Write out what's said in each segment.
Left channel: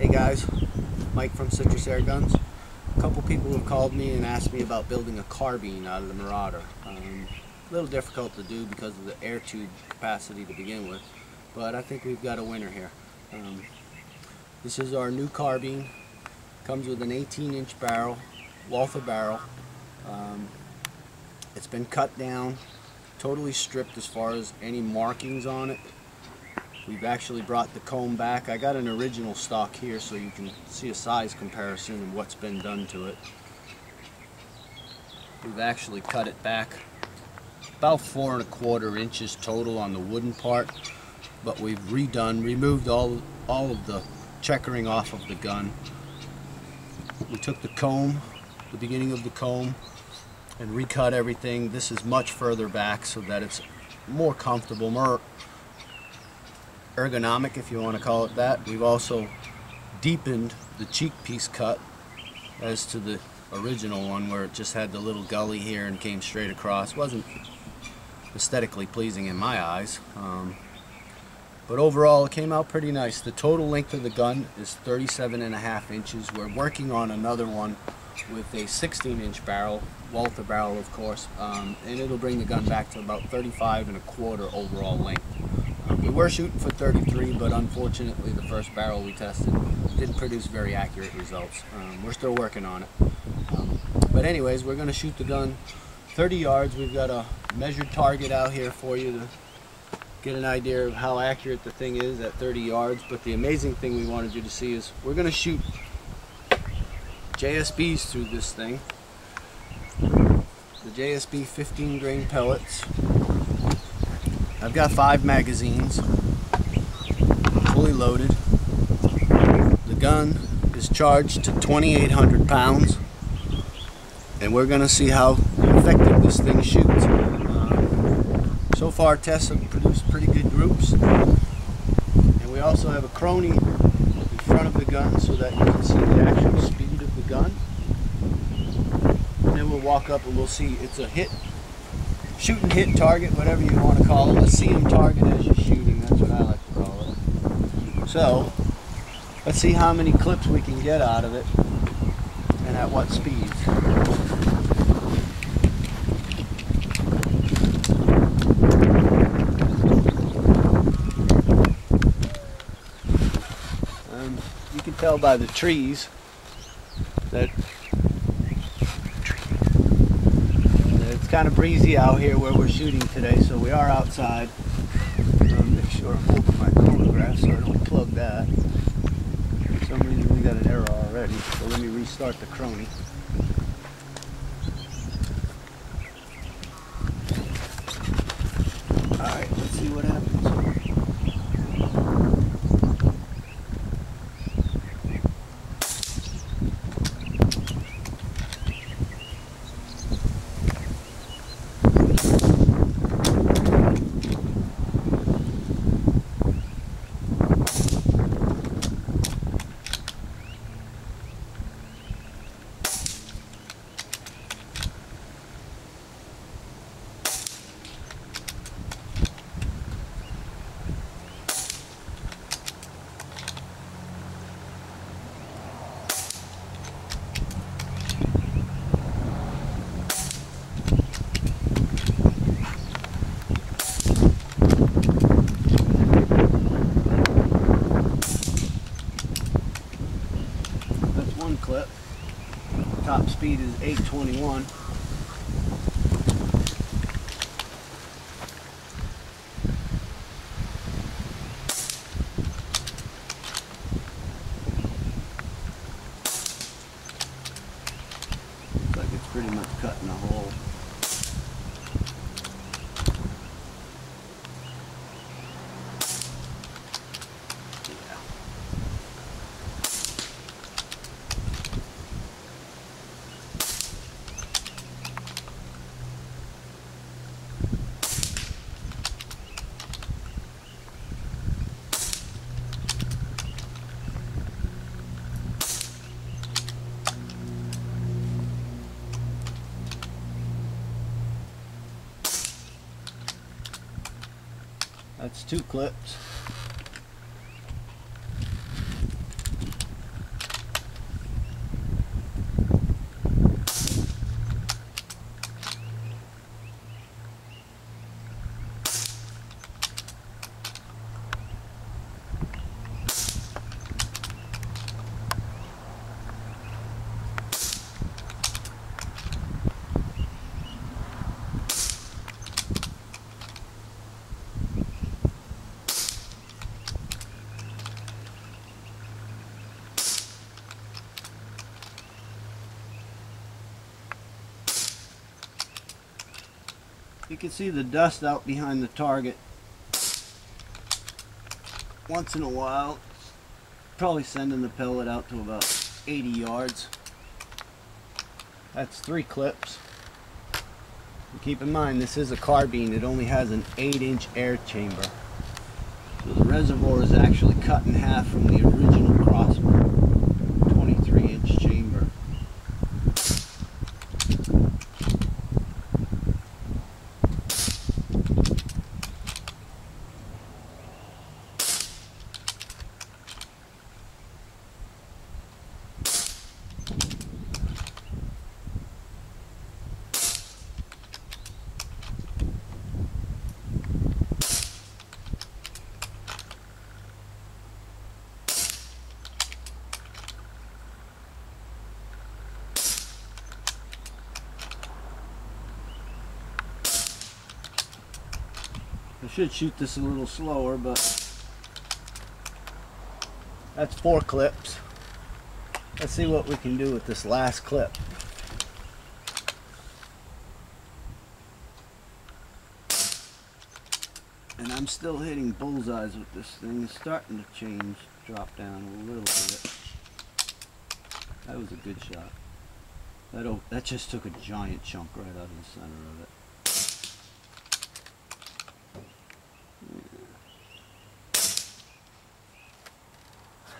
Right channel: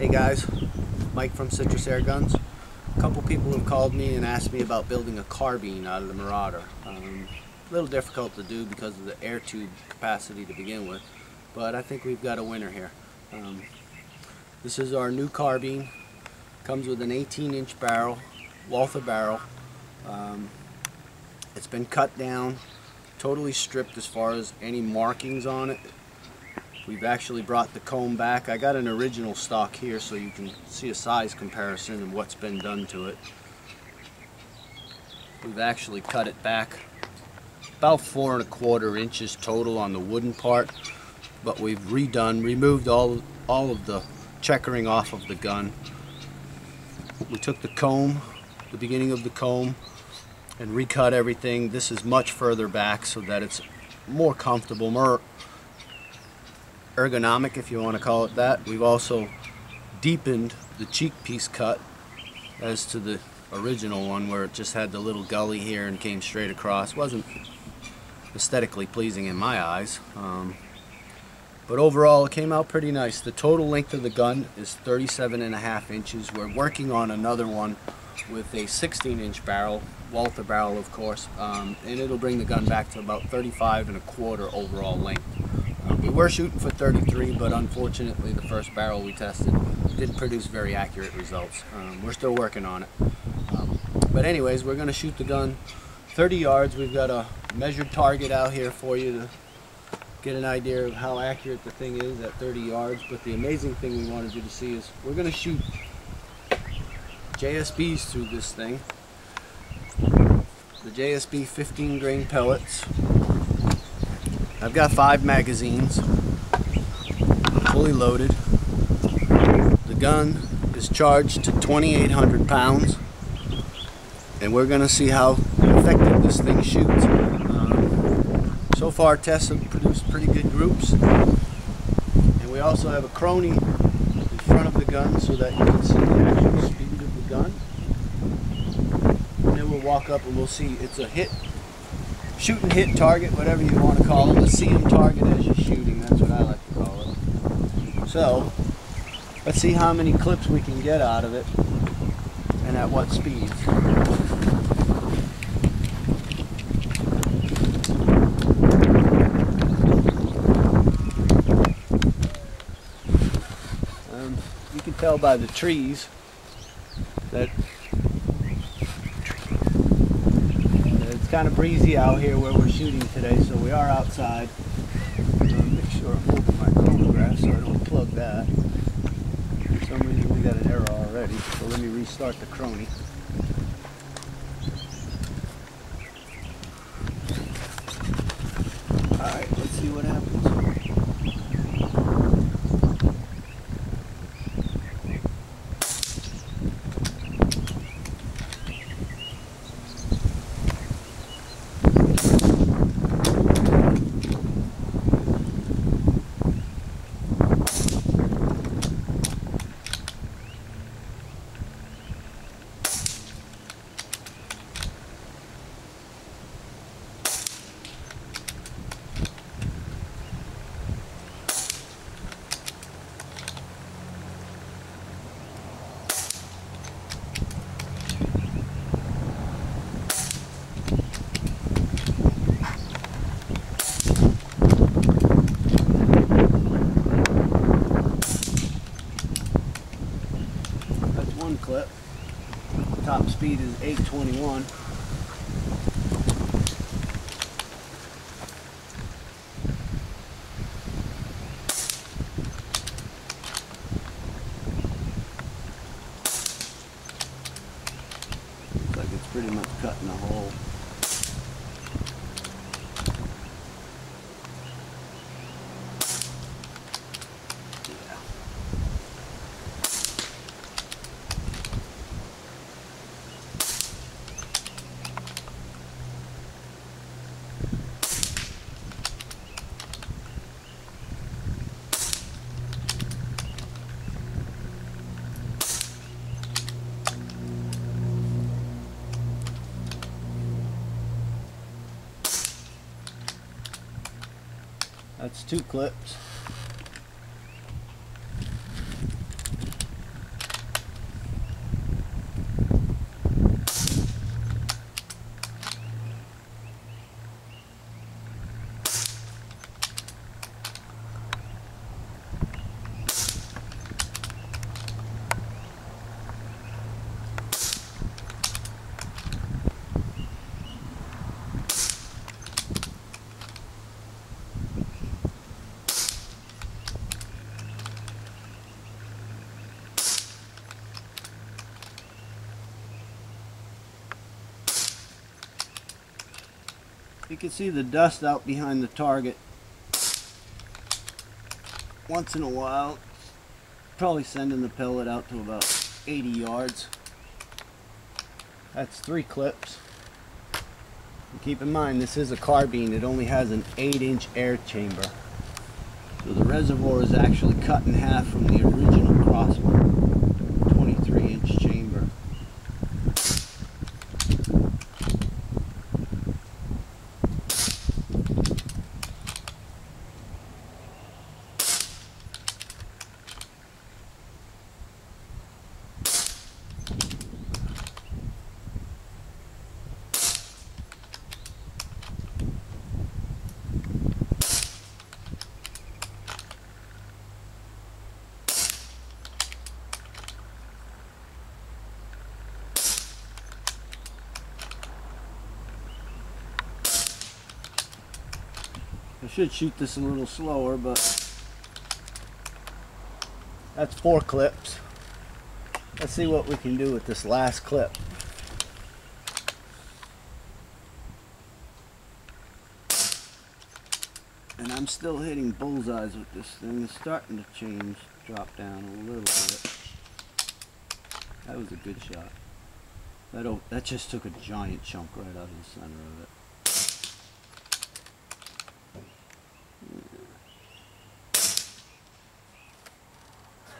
Hey guys, Mike from Citrus Airguns. A couple people have called me and asked me about building a carbine out of the Marauder. A little difficult to do because of the air tube capacity to begin with, but I think we've got a winner here. This is our new carbine. Comes with an 18-inch barrel, Walther barrel. It's been cut down, totally stripped as far as any markings on it. We've actually brought the comb back. I got an original stock here so you can see a size comparison and what's been done to it. We've actually cut it back about 4 1/4 inches total on the wooden part, but we've removed all of the checkering off of the gun. We took the comb, the beginning of the comb, and recut everything. This is much further back so that it's more comfortable, more ergonomic, if you want to call it that. We've also deepened the cheek piece cut as to the original one, where it just had the little gully here and came straight across. Wasn't aesthetically pleasing in my eyes, but overall it came out pretty nice. The total length of the gun is 37.5 inches. We're working on another one with a 16-inch barrel, Walther barrel of course, and it'll bring the gun back to about 35 1/4 overall length. We were shooting for 33, but unfortunately the first barrel we tested didn't produce very accurate results. We're still working on it. But anyways, we're going to shoot the gun 30 yards. We've got a measured target out here for you to get an idea of how accurate the thing is at 30 yards. But the amazing thing we wanted you to see is we're going to shoot JSBs through this thing. The JSB 15 grain pellets. I've got 5 magazines, fully loaded. The gun is charged to 2,800 pounds, and we're going to see how effective this thing shoots. So far tests have produced pretty good groups, and we also have a crony in front of the gun so that you can see the actual speed of the gun. And then we'll walk up and we'll see it's a hit. Shoot and hit target, whatever you want to call them. A see-em target as you're shooting, that's what I like to call it. So, let's see how many clips we can get out of it and at what speeds. You can tell by the trees that it's kind of breezy out here where we're shooting today, so we are outside. Make sure I'm over my chronograph so I don't plug that. For some reason we got an error already, so let me restart the crony. Alright, let's see what happens. One clip. Top speed is 821. Looks like it's pretty much cutting a hole. That's 2 clips. You can see the dust out behind the target once in a while. Probably sending the pellet out to about 80 yards. That's 3 clips. And keep in mind, this is a carbine. It only has an 8-inch air chamber. So the reservoir is actually cut in half from the original crossbow 23-inch chamber. I should shoot this a little slower, but that's 4 clips. Let's see what we can do with this last clip. And I'm still hitting bullseyes with this thing. It's starting to change, drop down a little bit. That was a good shot. That just took a giant chunk right out of the center of it.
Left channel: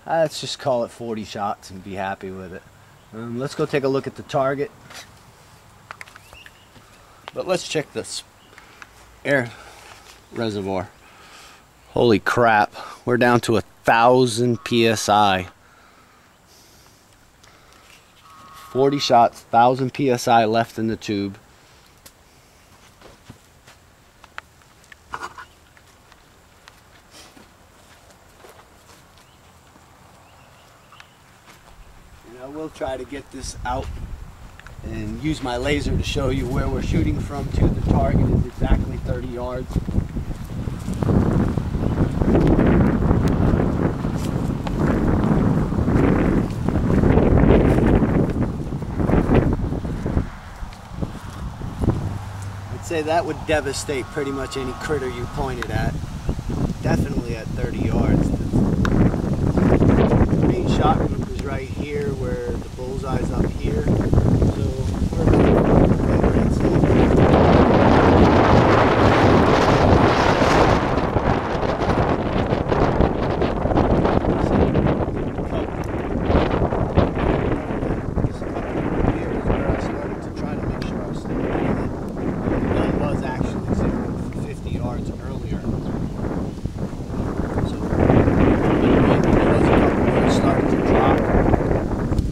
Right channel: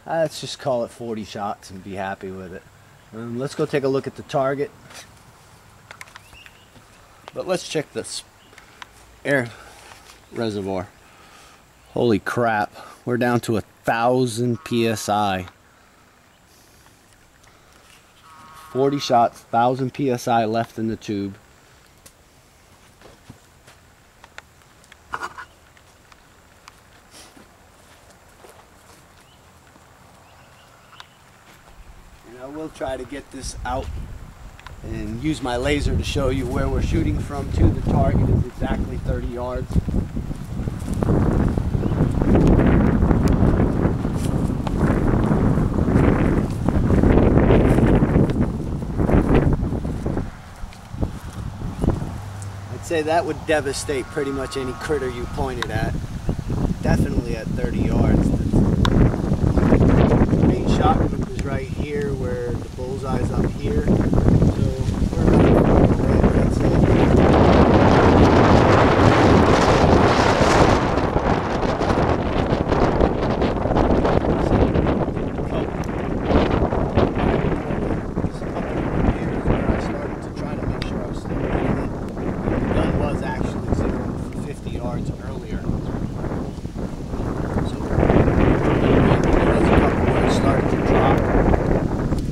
Let's just call it 40 shots and be happy with it. Let's go take a look at the target. But let's check this air reservoir. Holy crap, we're down to 1,000 psi. 40 shots, 1,000 psi left in the tube. I will try to get this out and use my laser to show you where we're shooting from to the target is exactly 30 yards. I'd say that would devastate pretty much any critter you pointed at. Definitely at 30 yards. The main shot group is right here where the bullseye's up here. So we're about a meter away, but I'd say covered by a mortar. This upper group here is where I started to try to make sure I was still hitting it. The gun was actually zeroed for 50 yards earlier. So a little bit of wind, and there was a couple where it started to drop.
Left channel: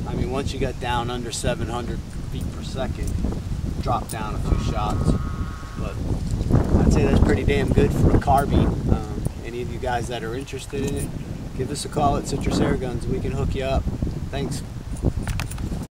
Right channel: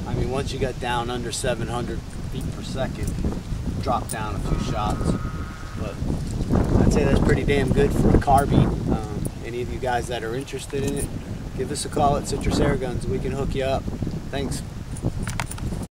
I mean, once you got down under 700 feet per second, it dropped down a few shots. But I'd say that's pretty damn good for a carbine. Any of you guys that are interested in it, give us a call at Citrus Airguns. We can hook you up. Thanks.